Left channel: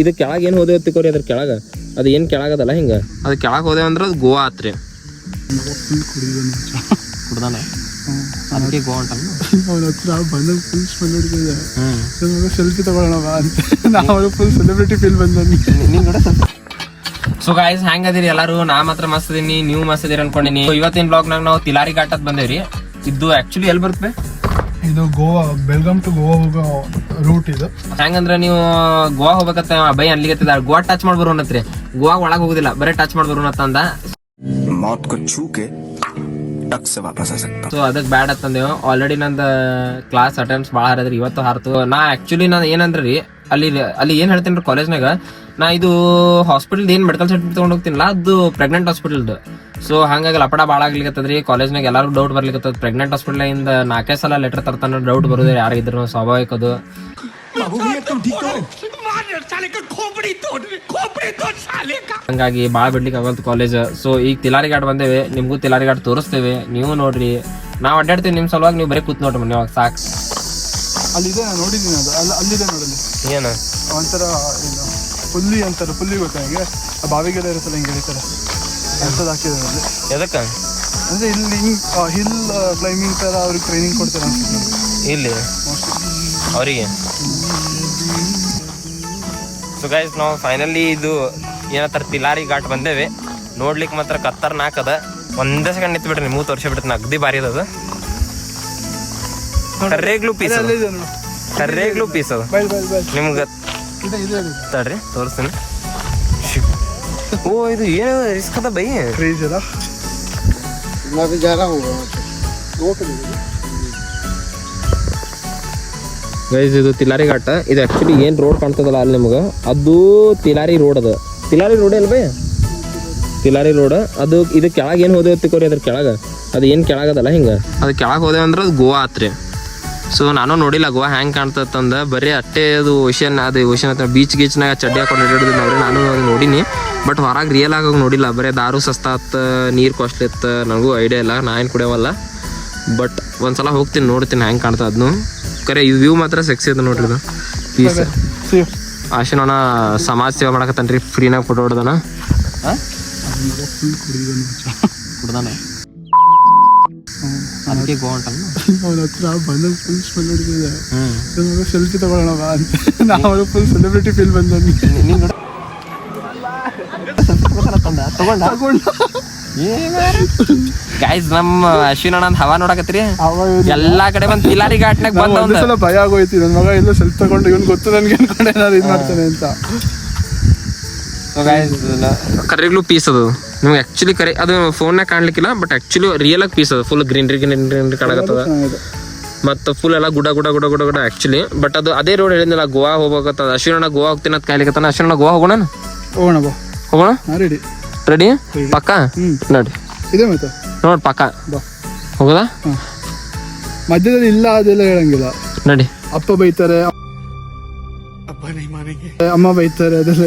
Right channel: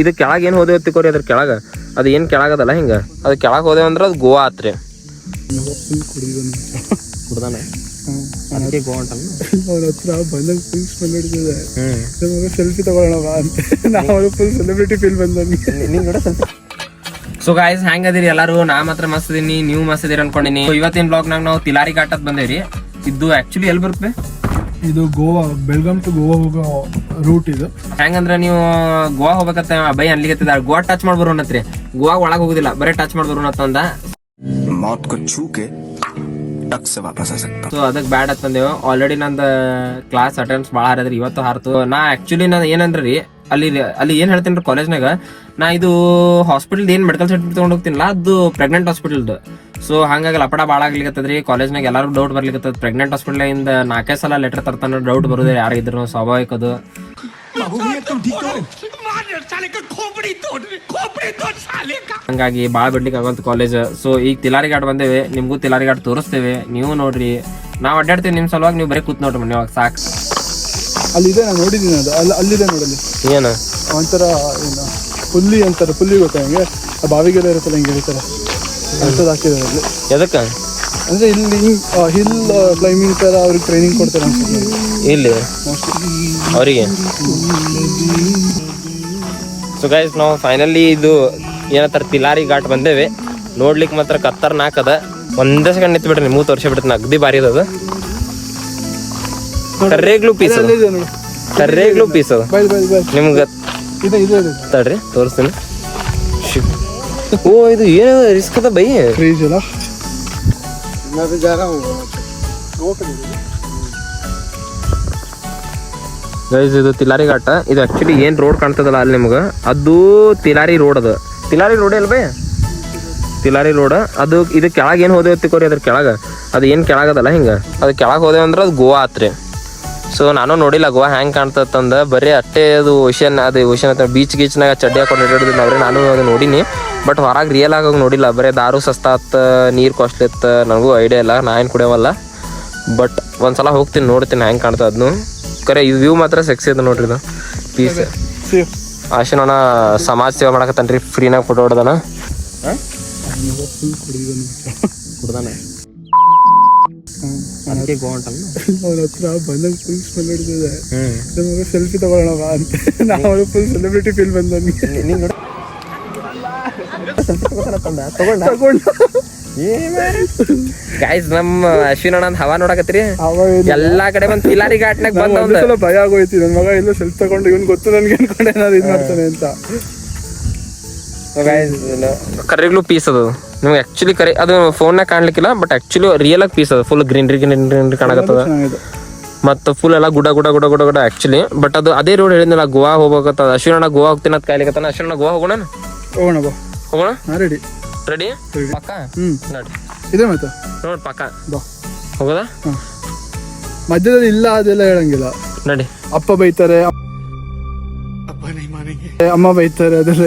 ಇದು ಕೆಳಗೆ ಏನು ಹೋದೇವ್ ತಿಕೋರಿ, ಅದ್ರ ಕೆಳಗೆ ಅದು ಏನು ಕೆಳಗದಲ್ಲ ಹಿಂಗೆ ಅದು ಕೆಳಗೆ ಹೋದೇವ್ ಅಂದ್ರೆ ಅದು ಗೋವಾ ಆತ್ರಿ. ಕುಡ್ದಾನೆ ಅದಕ್ಕೆ ಗೋವಾ ಅಂತಾನ. ಅವ್ರ ಹತ್ರ ಬಂದಾಗ ಫುಲ್ ಸ್ಮೆಲ್ ಹಿಡಿದಿದೆ. ಸೆಲ್ಫಿ ತಗೊಳ್ಳೋಣ ಅಂತ ನಾವು ಫುಲ್ ಸೆಲೆಬ್ರಿಟಿ ಫೀಲ್ ಬಂದ. ಸೊ ಗಾಯ್ಸ್ ಹೆಂಗ್ ಅದೀರಿ ಎಲ್ಲರೂ? ನಾ ಮಾತ್ರ ಮಸ್ತ್ ಇದೀನಿ, ನೀವು ಮಸ್ತ್ ಇದೀರಿ ಅನ್ಕೊಂಡಿನಿ. ಇವತ್ತಿನ ಬ್ಲಾಗ್ನಾಗ ನಾವು ತಿಲಾರಿ ಘಾಟತ್ ಬಂದೇವ್ರಿ. ಇದು ಆಕ್ಚುಲಿ ಎಲ್ಲಿ ಬರುತ್ತೆ? ಇದು ಗೋವಾ, ಬೆಳಗಾಂ ಟು ಗೋವಾ ಹೋಗೋ ರೂಟ್ ಇದು. ಹೆಂಗಂದ್ರೆ ನೀವು ಗೋವಾ ಹೋಗ್ಬೇಕತ್ತ ಭಯ ಅಲ್ಲಿಗೆ ಗೋವಾ ಟಚ್ ಮಾಡಿ ಬರೋಣತ್ರಿ. ಗೋವಾ ಒಳಗೆ ಹೋಗುದಿಲ್ಲ, ಬರೀ ಟಚ್ ಮಾಡಿ ಬರೋಣತ್ತಂದ ಸೊ ಅದಕ್ಕೆ ಬ್ಯಾಡ್ ಅಂತಂದೇವು. ಆಲ್ರೆಡಿ ನಂದು ಕ್ಲಾಸ್ ಅಟೆಂಡ್ಸ್ ಭಾಳ ಹಾರದ್ರಿ, ಇವತ್ತು ಹಾರ್ತು. ನಾ ಆಕ್ಚುಲಿ ನಾ ಏನಂದ್ರಿ ಅಲ್ಲಿ ಏನ್ ಹೇಳ್ತೀನಿ ಕಾಲೇಜ್ನಾಗ, ನಾ ಇದು ಹಾಸ್ಪಿಟಲ್ ಏನ್ ಮೆಡಿಕಲ್ ಸರ್ಟಿಫಿಕೇಟ್ ತಗೊಂಡ್ ಹೋಗ್ತೀನಲ್ಲ ಅದು ಪ್ರೆಗ್ನೆಂಟ್ ಹಾಸ್ಪಿಟಲ್ದು. ಸೊ ಹಂಗಾಗಿ ಲಪಡ ಭಾಳ ಆಗ್ಲಿಕತ್ತದ್ರಿ ಕಾಲೇಜ್ನಾಗ. ಎಲ್ಲಾರು ಡೌಟ್ ಬರ್ಲಿಕತ್ತದ ಪ್ರೆಗ್ನೆಂಟ್ ಹಾಸ್ಪಿಟಲ್ ಇಂದ 4 ಸಲ ಲೆಟರ್ ತರ್ತಾನ. ಡೌಟ್ ಬರುದು ಯಾರು ಇದ್ರು ಸ್ವಾಭಾವಿಕದು. ಹಂಗಾಗಿ ಭಾಳ ಬಿಡ್ಲಿಕ್ಕೆ ಆಗಂತ ಕಾಲೇಜ್. ಸೊ ಈಗ ತಿಲಾರಿ ಘಾಟ್ ಬಂದೇವಿ, ನಿಮ್ಗೂ ತಿಲಾರಿ ಘಾಟ್ ತೋರಿಸ್ತೇವೆ, ನೀವು ನೋಡ್ರಿ. ನಾವ್ ಅಡ್ಡಾಡ್ತೇವೆ ನಿಮ್ ಸಲುವಾಗಿ, ನೀವು ಬರೀ ಕೂತ್ ನೋಡ್ರಿ ಮನೆ ಸಾಕು. ಅಲ್ಲಿದೆ, ನಾನು ನೋಡಿದ್ದೀನಿ ಅದು. ಅಲ್ಲಿದೆ ನೋಡಲ್ಲಿ ಏನ ಒಂಥರ ಏನು ಪುಲ್ಲಿ ಅಂತಾರೆ, ಪುಲ್ಲಿ ಗೊತ್ತಾ ಹಿಂಗೆ ಆ ಬಾವಿಗೆಲ್ಲ ಇರುತ್ತಲ್ಲ ಹಿಂಗೆ ಹೇಳ್ತಾರೆ ಅಂಥದ್ದು ಹಾಕಿದ್ದಾರೆ ಅಲ್ಲಿ. ಎದಕ್ಕ ಅಂದ್ರೆ ಇಲ್ಲಿ ಹಿಲ್ ಕ್ಲೈಂಬಿಂಗ್ ತರ ಅವ್ರಿಗೆ ಟ್ರೈನಿಂಗ್ ಕೊಡ್ತಾರೆ ಅನ್ಸುತ್ತೆ ಇಲ್ಲಿ ಅವರಿಗೆ. ಸೊ ಗೈಸ್ ನಾವು ಫೈನಲಿ ಇದು ಏನಂತಾರ ತಿಲಾರಿ ಘಾಟ್ ಬಂದೇವೆ. ನೋಡ್ಲಿಕ್ಕೆ ಮಾತ್ರ ಖತರ್ನಾಕ್ ಅದ. ಒಂದೇ ಸೆಕೆಂಡ್ ನಿಂತು ಬಿಡ್ರಿ, ನಿಮಗೂ ತೋರಿಸಿ ಬಿಡ್ತೀನಿ. ಅಗ್ದಿ ಭಾರಿ ಅದ. ಕರ್ರೇಗ್ಲು ಪೀಸ್ ಅದ, ಕರ್ರೇಗ್ಲು ಪೀಸ್ ಅದ. ನಿಮ್ಗೆ ತಡ್ರಿ ತೋರಿಸ್ತೀನಿ. ಓ ಇದು ಏನದ ರಿಸ್ಕ್ ಅದ ಬೈ. ಗೈಸ್ ಇದು ತಿಲಾರಿ ಘಾಟ. ಇದು ಆಕ್ಚುಲಿ ಏನ್ ರೋಡ್ ಕಾಣ್ತದಲ್ಲ ಅಲ್ಲಿ ನಿಮ್ಗೆ, ಅದು ತಿಲಾರಿ ರೋಡ್ ಅದ. ತಿಲಾರಿ ರೋಡ್ ಅಲ್ ಬೈ, ತಿಲಾರಿ ರೋಡ್ ಅದು. ಇದು ಕೆಳಗೆ ಏನ್ ಹೋದೇವ್ ತಿಕೋರಿ, ಅದ್ರ ಕೆಳಗೆ ಅದು ಏನ್ ಕೆಳಗದಲ್ಲ ಹಿಂಗ ಅದು ಕೆಳಗೆ ಹೋದೇವ್ ಅಂದ್ರೆ ಅದು ಗೋವಾ ಆತ್ರಿ. ಸೊ ನಾನು ನೋಡಿಲ್ಲ ಗೋವಾ ಹೆಂಗ್ ಕಾಣ್ತಂದ, ಬರೀ ಅಟ್ಟೆ ಅದು ಓಷನ್, ಅದು ಓಷನ್ ಅಂತ ಬೀಚ್ ಗೀಚ್ನಾಗ ಚಡ್ಡಿ ಹಾಕೊಂಡು ಹಿಡಿಯೋದಿಲ್ಲ ಅವ್ರಿ. ನಾನು ಅದು ನೋಡಿನಿ, ಬಟ್ ಹೊರಗೆ ರಿಯಲ್ ಆಗಿ ನೋಡಿಲ್ಲ. ಬರೀ ದಾರು ಸಸ್ತಾ ಅತ್ತ, ನೀರು ಕಾಸ್ಟ್ಲಿ ಇತ್ತು, ನನಗೂ ಐಡಿಯಾ ಇಲ್ಲ, ನಾ ಏನು ಕುಡಿಯವಲ್ಲ. ಬಟ್ ಒಂದ್ಸಲ ಹೋಗ್ತೀನಿ, ನೋಡ್ತೀನಿ ಹೆಂಗೆ ಕಾಣ್ತದೆ ಅದನ್ನು. ಕರೆ ಇದು ವ್ಯೂ ಮಾತ್ರ ಸೆಕ್ಸಿ ಅದ ನೋಡ್ರಿ. ಇದು ಪೀಸ್ ಆಶಿನೋಣ ಸಮಾಜ ಸೇವೆ ಮಾಡಕತ್ತಾನ್ರಿ, ಫ್ರೀನಾಗ ಫೋಟೋ ಹೊಡ್ದಾನ. ಕುಡ್ದಾನ ಅದಕ್ಕೆ ಗೋವಾ ಅಂತಾನ. ಅವ್ರ ಹತ್ರ ಬಂದಾಗ ಫುಲ್ ಸ್ಮೆಲ್ ಹಿಡಿದಿದೆ. ಸೆಲ್ಫಿ ತಗೊಳ್ಳೋಣ ಅಂತ ನಾವು ಫುಲ್ ಸೆಲೆಬ್ರಿಟಿ ಫೀಲ್ ಬಂದ. ಗೈಸ್ ನಮ್ಮ ಅಶ್ವಿನ್ ಅಣ್ಣ ಹವಾ ನೋಡಕತ್ರಿ, ಎಲ್ಲಾ ಕಡೆ ಬಂದ್ ತಿಲಾರಿ ಘಾಟ್ನಾಗ ಬಂದ. ಭಯ ಆಗೋಯ್ತಿ ನನ್ನ ಮಗ ಎಲ್ಲ ಸೆಲ್ಫಿ ತಗೊಂಡು ಇವ್ನು ಗೊತ್ತು ನನ್ಗೆ ಅನ್ಕೊಂಡೆ ಏನಾದ್ರು ಇದು ಮಾಡ್ತಾನೆ ಅಂತ. ಕರೆಗ್ಲು ಪೀಸ್ ಅದು ನಿಮ್ಗೆ ಆಕ್ಚುಲಿ ಕರೆ ಅದು ಫೋನ್ನಾಗ ಕಾಣ್ಲಿಕ್ಕಿಲ್ಲ, ಬಟ್ ಆಕ್ಚುಲಿ ರಿಯಲ್ ಆಗಿ ಪೀಸ್ ಅದು. ಫುಲ್ ಗ್ರೀನ್ರಿ ಗ್ರೀನ್ರಿ ಕಾಣಕತ್ತದ, ಮತ್ತು ಫುಲ್ ಎಲ್ಲ ಗುಡ ಗುಡ ಗುಡ ಗುಡ ಗುಡ ಆಕ್ಚುಲಿ. ಬಟ್ ಅದು ಅದೇ ರೋಡ್ ಹೇಳಿದ್ನಲ್ಲ ಗೋವಾ ಹೋಗ್ಬೇಕತ್ತ. ಅಶ್ವಿನ್ ಅಣ್ಣ ಗೋವಾ ಹೋಗ್ತೀನಿ ಅಂತ ಕಾಯ್ಲಿಕತ್ತಾನ. ಅಶ್ವಿನ್ ಅಣ್ಣ ಗೋವಾ ಹೋಗೋಣ, ಹೋಗೋಣ ಬಾ, ಹೋಗೋಣ. ರೆಡಿ ರೆಡಿ ಪಕ್ಕ ನೋಡಿ ಇದೆ ಮತ್ತೆ ನೋಡ್ ಪಕ್ಕ ಹೋಗೋದಾ. ಮಧ್ಯದಲ್ಲಿ ಇಲ್ಲ ಅದೆಲ್ಲ ಹೇಳಂಗಿಲ್ಲ. ನಡಿ. ಅಪ್ಪ ಬೈತಾರೆ, ಅಮ್ಮ ಬೈತಾರೆ, ಅದೆಲ್ಲ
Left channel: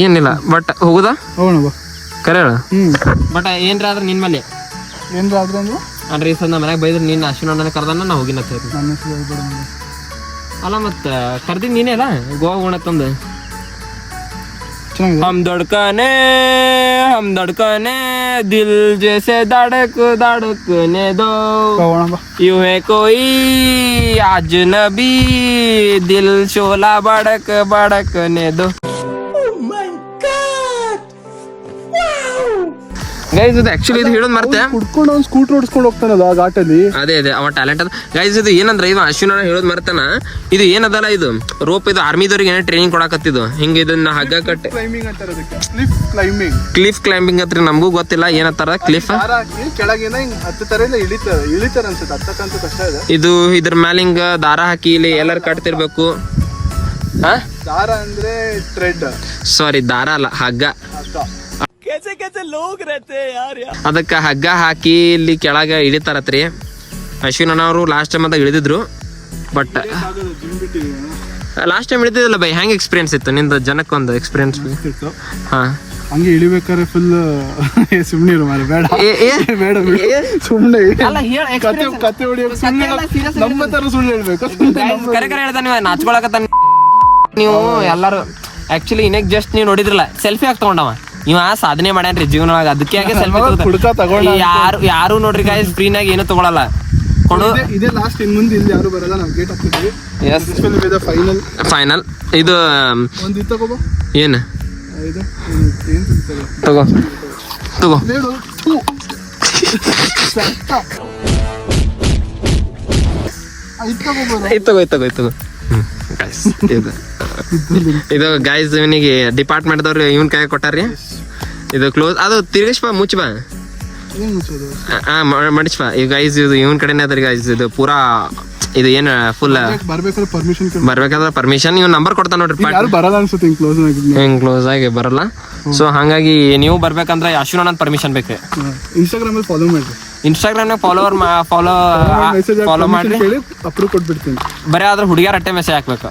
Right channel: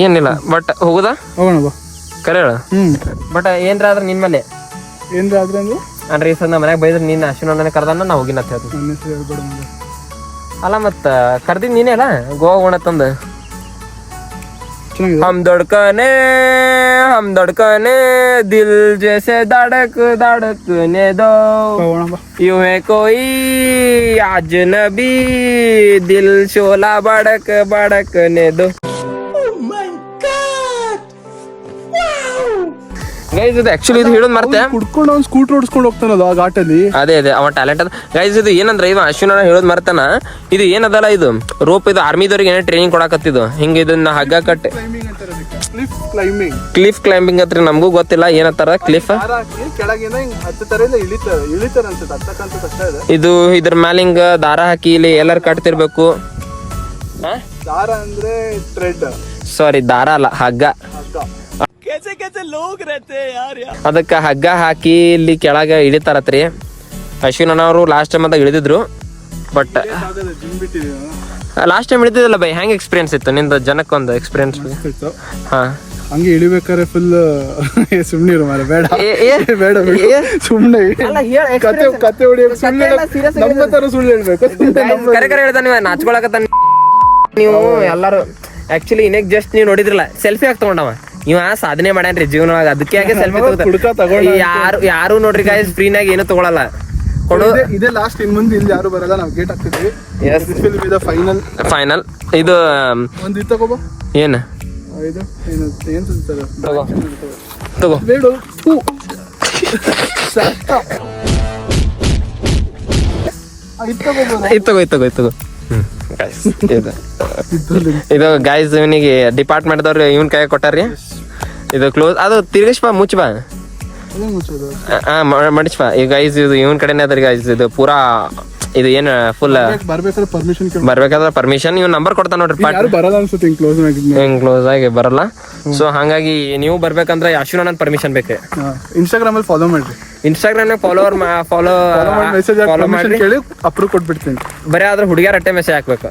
ಏನಿಲ್ಲ. ಬಟ್ ಹೋಗುದಾ, ಹೋಗೋಣ ಬಾ, ಕರೆ ಹೇಳ. ಬಟ್ ಏನ್ರ ಆದ್ರೆ ನಿನ್ ಮೇಲೆ ಏನ್ರ ಆದ್ರೆ ಅಂದ್ರೆ ಈ ಸಲ ನಮ್ಮ ಮನ್ಯಾಗ ಬೈದ್ರೆ ನೀನ್ ಅಶ್ವಿನ್ ಅಣ್ಣನ ಕರ್ದಾನ ನಾ ಹೋಗಿನ ಅಲ್ಲ. ಮತ್ತ ಕರ್ದಿದ್ ನೀನೇ ಅಲ್ಲ ಗೋವಾ ಹೋಗೋಣತ್ತಂದ. हम धड़कने दिल जैसे धड़कने दो, यूं है कोई अजनबी दिल शोला भड़कने दो. ಗೈಸ್ ಇದು ಆಕ್ಚುಲಿ ಇದು ಹೇಳೋದು ಮರ್ತೆ, ಸ್ಕೂಟರ್ ಓಡಿಸ್ಕೊಂಡು ಹೋಗ್ತಾನಲ್ಲ ಆ ಘಾಟಲ್ಲಿ. ಅದೇ ಅವ ಟ್ಯಾಲೆಂಟ್ ಅದ ಗೈಸ್. ಇದು ಏನಂದ್ರೆ ಇವ ಅಶ್ವಿನ್ ಹೇಳೋದು ಮರ್ತಾನ. ಇದು ಏನದಲ್ಲ ಇದು ರೋಪ್, ಇದು ಆರ್ಮಿದವ್ರಿಗೆ ಏನೋ ಟ್ರೈನಿಂಗ್ ಕೊಡಕತ್ತಿದ್ದು. ಹಿಂಗ ಇದನ್ನ ಹಗ್ಗ ಕಟ್ಟಿ ಕ್ಲಿಫ್ ಕ್ಲೈಂಬಿಂಗ್ ಹತ್ರ ನಮಗೂ ಗೊತ್ತಿಲ್ಲ ಏನತ್ತಾರ. ಕ್ಲಿಫ್ ಇದು ಇದ್ರ ಮ್ಯಾಲ ಹಿಂಗ ದಾರ ಹಾಕಿ ಇಲ್ಲಿ ಎಲ್ಲಾರು ಕಟ್ತಿರ್ಬೇಕು. ಸಾರಿ ದಾರ ಅಲ್ಲ, ಹಗ್ಗ. ಅದಕ್ಕ ಹಗ್ಗ ಹಾಕಿ ಇಲ್ಲಿ ಕೆಳಗೆ ಇಳಿತಾರತ್ರಿ. ಅಶ್ವಿನ್ ಅವರು ಲಾಸ್ಟ್ ಟೈಮ್ ಅಂತ ಇಳಿದಿದ್ರು. ಬಟ್ ಲಾಸ್ಟ್ ಟೈಮ್ ಇಳಿದಿದ್ದಲ್ಲ ಬೈ, ಹೆಂಗ್ ಎಕ್ಸ್ಪೀರಿಯನ್ಸ್ ಇತ್ತು ನಿಂದ? ಜನಕ್ಕೊಂದು ಎಕ್ಸ್ಪೀರಿಯನ್ಸ್. ಹಾ ಹಂಗೆ ಇಳಿಬೇಕಾದ್ರೆ ಫುಲ್ ಸುಮ್ನೆ ಮಾರೆ, ಬೇಡ ಬೇಡ ಸುಮ್ನೆ ಕತೆ ಹೊಡಿಯೋದು. ನಮ್ಮ ತರ ಸುಳ್ಳು ಹೇಳ್ಬೇಕು. ಕರೆ ಕರೆ ಹೇಳ್ತಾನೆ, ನಾಚ್ಕೊಳಕತ್ತಾನ. ನೀವು ಎಲ್ಲಾರು ಆಕ್ಚುಲಿ ಇನ್ನೇಕ್ ಜಸ್ಟ್ ನೀವು ನೋಡಿದ್ರಲ್ಲ ಸೆಲ್ಫಿ ಹಾಕಿ ತಗೊಂಡವ ಇವ ಸಾಧನೆ ಮಾಡ್ಯಾನ್ರಿ ಜೀವನವಾಗ ಅದಕ್ಕೆ ಆಗಿ ಸೆಲ್ಫಿ ಯಾರು ನೋಡ್ರಿ ಗಾಯ್ಸ್ ಫ್ರೀನಾಗ ಏನು ತಗೊಳಲ್ಲ ಕೊಡು. ಇದೇ ಲಾಸ್ಟ್ ಇನ್ ಮುಂದೆ ಇಲ್ಲಿ ಯಾರು ಬರಲ್ಲ, ನಾವು ಗೇಟ್ ಹಾಕ್ತಿದ್ವಿ. ಫೈನಲ್ ಇದು ಒಂದು ಇದು ತಗೋಬೋ. ಏನು ಇದು ಏನು ತಗೋ ತಗೋ ಬೇಡ. ಇತ್ತು ಇದು ಗೈಸ್ ಇವನಿಗೆ ಡಿಪಾರ್ಟ್ಮೆಂಟ್ದವ್ರು ಇವನ್ ಕೈ ಕೊಟ್ಟಾರ್ರಿ. ಇದು ಕ್ಲೋಸ್ ಅದು ತಿರ್ಗಿಸ್ ಬಾ ಮುಚ್ಚ ಬಾ ಮಡಿಸ್ ಬಾ. ಈಗ ಗೈಸ್ ಇದು ಇವನ್ ಕಡೆನೇ ಅದ್ರಿ ಗೈಸ್. ಇದು ಪೂರಾ ಇದು ಏನ್ ಫುಲ್ ಬರ್ಬೇಕಾದ್ರೆ ಪರ್ಮಿಷನ್ ಇವ್ ನಂಬರ್ ಕೊಡ್ತಾನ ನೋಡ್ರಿ. ಬರಲ್ಲ ಅನ್ಸುತ್ತೆ ಹಿಂಗ್ ಕ್ಲೋಸ್ ಆಗಿ ಬರಲ್ಲ. ಸೊ ಹಂಗಾಗಿ ನೀವು ಬರ್ಬೇಕಂದ್ರೆ ಅಶ್ವಿನ್ ಪರ್ಮಿಷನ್ ಬೇಕು. ಇನ್ಸ್ಟಾಗ್ರಾಮ್ ಅಲ್ಲಿ ಫಾಲೋ ಮಾಡಿ. ಇನ್ಸ್ಟಾಗ್ರಾಮ್ ನಾಗ ಫಾಲೋ ಮಾಡ್ರಿ, ಅಪ್ರೂವ್ ಕೊಟ್ಬಿಡ್ತೀನಿ. ಬರೀ ಆದ್ರೆ ಹುಡುಗಿಯರ ಅಟ್ಟೆ ಮೆಸೇಜ್ ಹಾಕ್ಬೇಕು.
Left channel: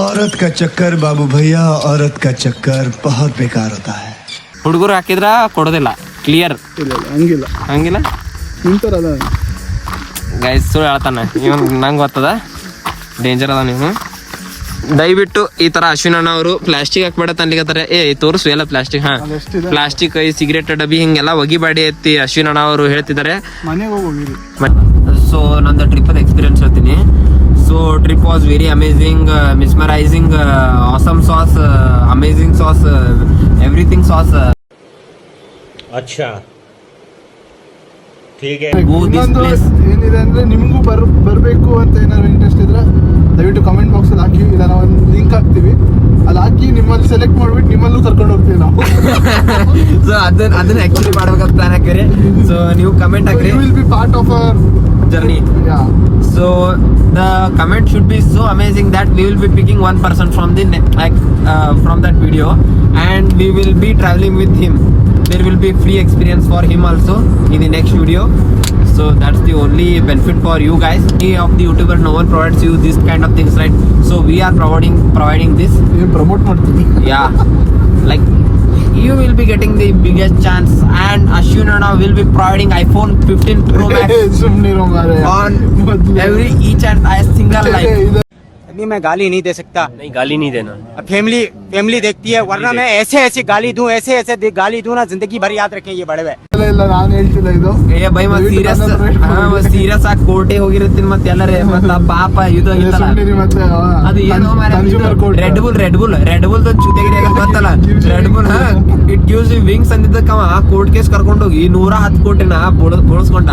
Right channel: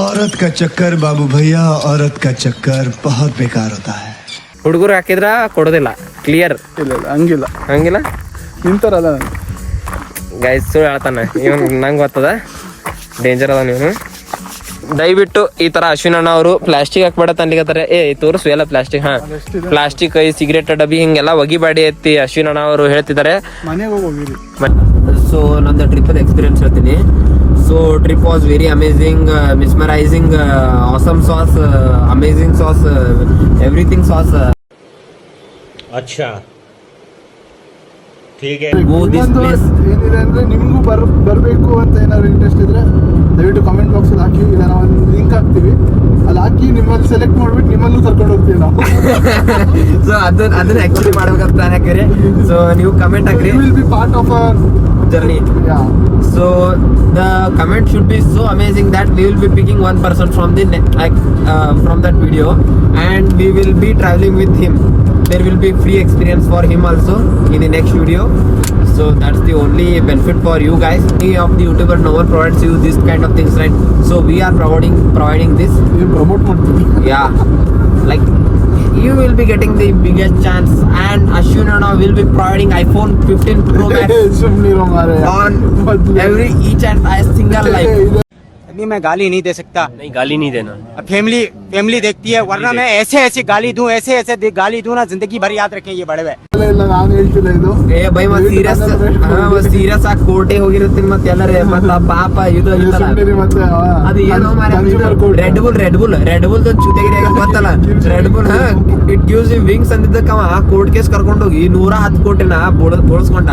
औरत का चक्कर बाबू भैया, औरत का चक्कर बहुत बेकार होता है. ಹುಡುಗರು ಹಾಕಿದ್ರ ಕೊಡೋದಿಲ್ಲ. ಕ್ಲಿಯರ್ ಇಲ್ಲ ಹಂಗಿಲ್ಲ ಹಂಗಿಲ್ಲ ನಿಂತಾರಲ್ಲ ಗೈಸ್ ಸುಳ್ಳು ಹೇಳ್ತಾನೆ ಇವ್. ನಂಗೆ ಗೊತ್ತದ ಡೇಂಜರ್ ಅದ. ನೀವು ದಯವಿಟ್ಟು ಈ ತರ ಅಶ್ವಿನ್ ಅಣ್ಣ ಅವರು ಪ್ಲಾಸ್ಟಿಕ್ ಹಾಕ್ಬೇಡ ಅನ್ಲಿಕತ್ತಾರೆ. ತೋರಿಸು ಎಲ್ಲ ಪ್ಲಾಸ್ಟಿಕ್. ಹಾ ಪ್ಲಾಸ್ಟಿಕ್ ಈ ಸಿಗರೇಟ್ ಡಬ್ಬಿ ಹಿಂಗೆಲ್ಲ ಒಗಿಬೇಡಿ ಎತ್ತಿ ಅಶ್ವಿನ್ ಅಣ್ಣ ಅವರು ಹೇಳ್ತಿದ್ದಾರೆ. ಮನೆಗೆ ಹೋಗಿರಿ. ಸೊ ನಂದು ಟ್ರಿಪ್ ಎಕ್ಸ್ಪೀರಿಯನ್ಸ್ ಹೇಳ್ತೀನಿ. So trip was very amazing, mesmerising, awesome sauce, amazing sauce, everything sauce. अच्छा ठीक है. ಏನಿದೆ ಅಂದ್ರೆ ನಿಮ್ಗೂ ಬರ್ಬೇಕು ಅಂತ ಏನಾದ್ರು ಇಂಟ್ರೆಸ್ಟ್ ಇದ್ರೆ ದಯವಿಟ್ಟು ಕಮೆಂಟ್ ಬಾಕ್ಸ್ ಅಲ್ಲಿ ಹಾಕಿ. ಇಲ್ಲ ನಾವು ಒಂದು ಲಿಂಕ್ ಹಾಕ್ತೀವಿ, ಅಲ್ಲಿ ಹಾಕಿ ನಿಮ್ಮಲ್ಲಿ ಸೆಲೆಕ್ಟ್ ಮಾಡ್ಬಿಟ್ಟು ನಿಮ್ಮಲ್ಲೂ ಕರ್ಕೊಂಡು ಹೋಗ್ತೀವಿ ನಾವು. ಸೊ ಅದನ್ನ ಆಕ್ಚುಲಿ ಮಾಡ್ಬೇಕಂತ ಪ್ಲಾನ್ ಹಾಕಿರಿ. ಸೊ ನೀವು ಕಮೆಂಟ್ ಹಾಕ್ರಿ, will be part of our journey. So the comment should be so amazing that we will be picking one person from the from that video and we will be traveling with him. There will be free experience for him also in the next video. So that's the only benefit for you guys. Any of the YouTuber no one provides you this kind of things, right? So we are providing this. Promote ಮಾಡ್ತೀವಿ. Yeah, like you will be getting the biggest chance and Ashwin Anna will be providing iPhone 15 Pro Max on each and single life. अभी मैं गाली नहीं दे सकता. नहीं गाली नहीं देना. फैमिली देखती है, वरना मैं ऐसे गाली दूं, ऐसे गाली दूं ना, जिंदगी भर याद रखें ये बड़े हुए. ಇಲ್ಲ ನಾನು ಹೇಳ್ತಿಲ್ಲ ಇದು. ಬೈ ಸೀರಿಯಸ್ ಆಗಿ ಕೋರ್ಟಿಗೆ ಹೋಗಿರ್ತೀನಿ ಮತ್ತೆ ಎಲ್ಲರೇ ಪಾಪ ಇದು ಅದು ಏನೋ ರೆಡ್ ಬುಲ್ ಚುತೆಗಿರಿ ಗೊತ್ತಲ್ಲ. Red Bull it gives you wings ಅಂದಿದ್ದಕ್ಕವ ಕೋರ್ಟ್ ಕೇಸ್ ಕರ್ಕೊಂಡು ಹೋಗಿ 110 ಕೋಟಿನ ಬೋಳ್ಸ್ಕೊಂಡ.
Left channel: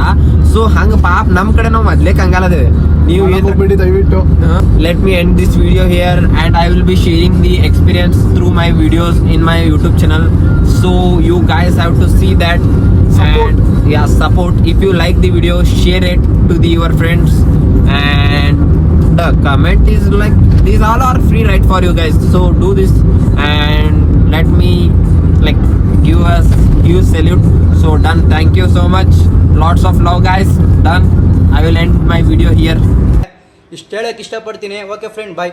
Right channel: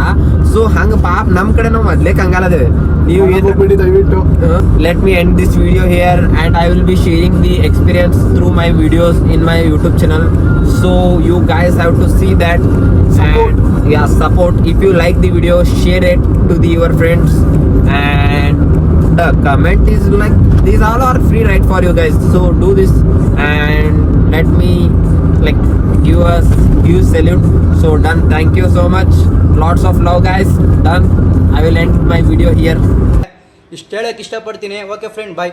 ಸೊ ಹಂಗ ಪಾಪ ನಮ್ ಕಡೆ ನಾವು ಮೊದ್ಲೇ ಕಂಗಾಲದೇವೆ. ನೀವು ದಯವಿಟ್ಟು let me end this video here and I will be sharing the experience through my videos in my YouTube channel. So you guys have to see that and yeah, support. If you like the video, share it to your friends and the comment is like these all are free right for you guys. So do this and let me like give salute. So done. Thank you so much. Lots of love guys. Done. I will end my video here. ಇಷ್ಟು ಹೇಳಕ್ಕೆ ಇಷ್ಟಪಡ್ತೀನಿ. Okay friend, ಬಾಯ್.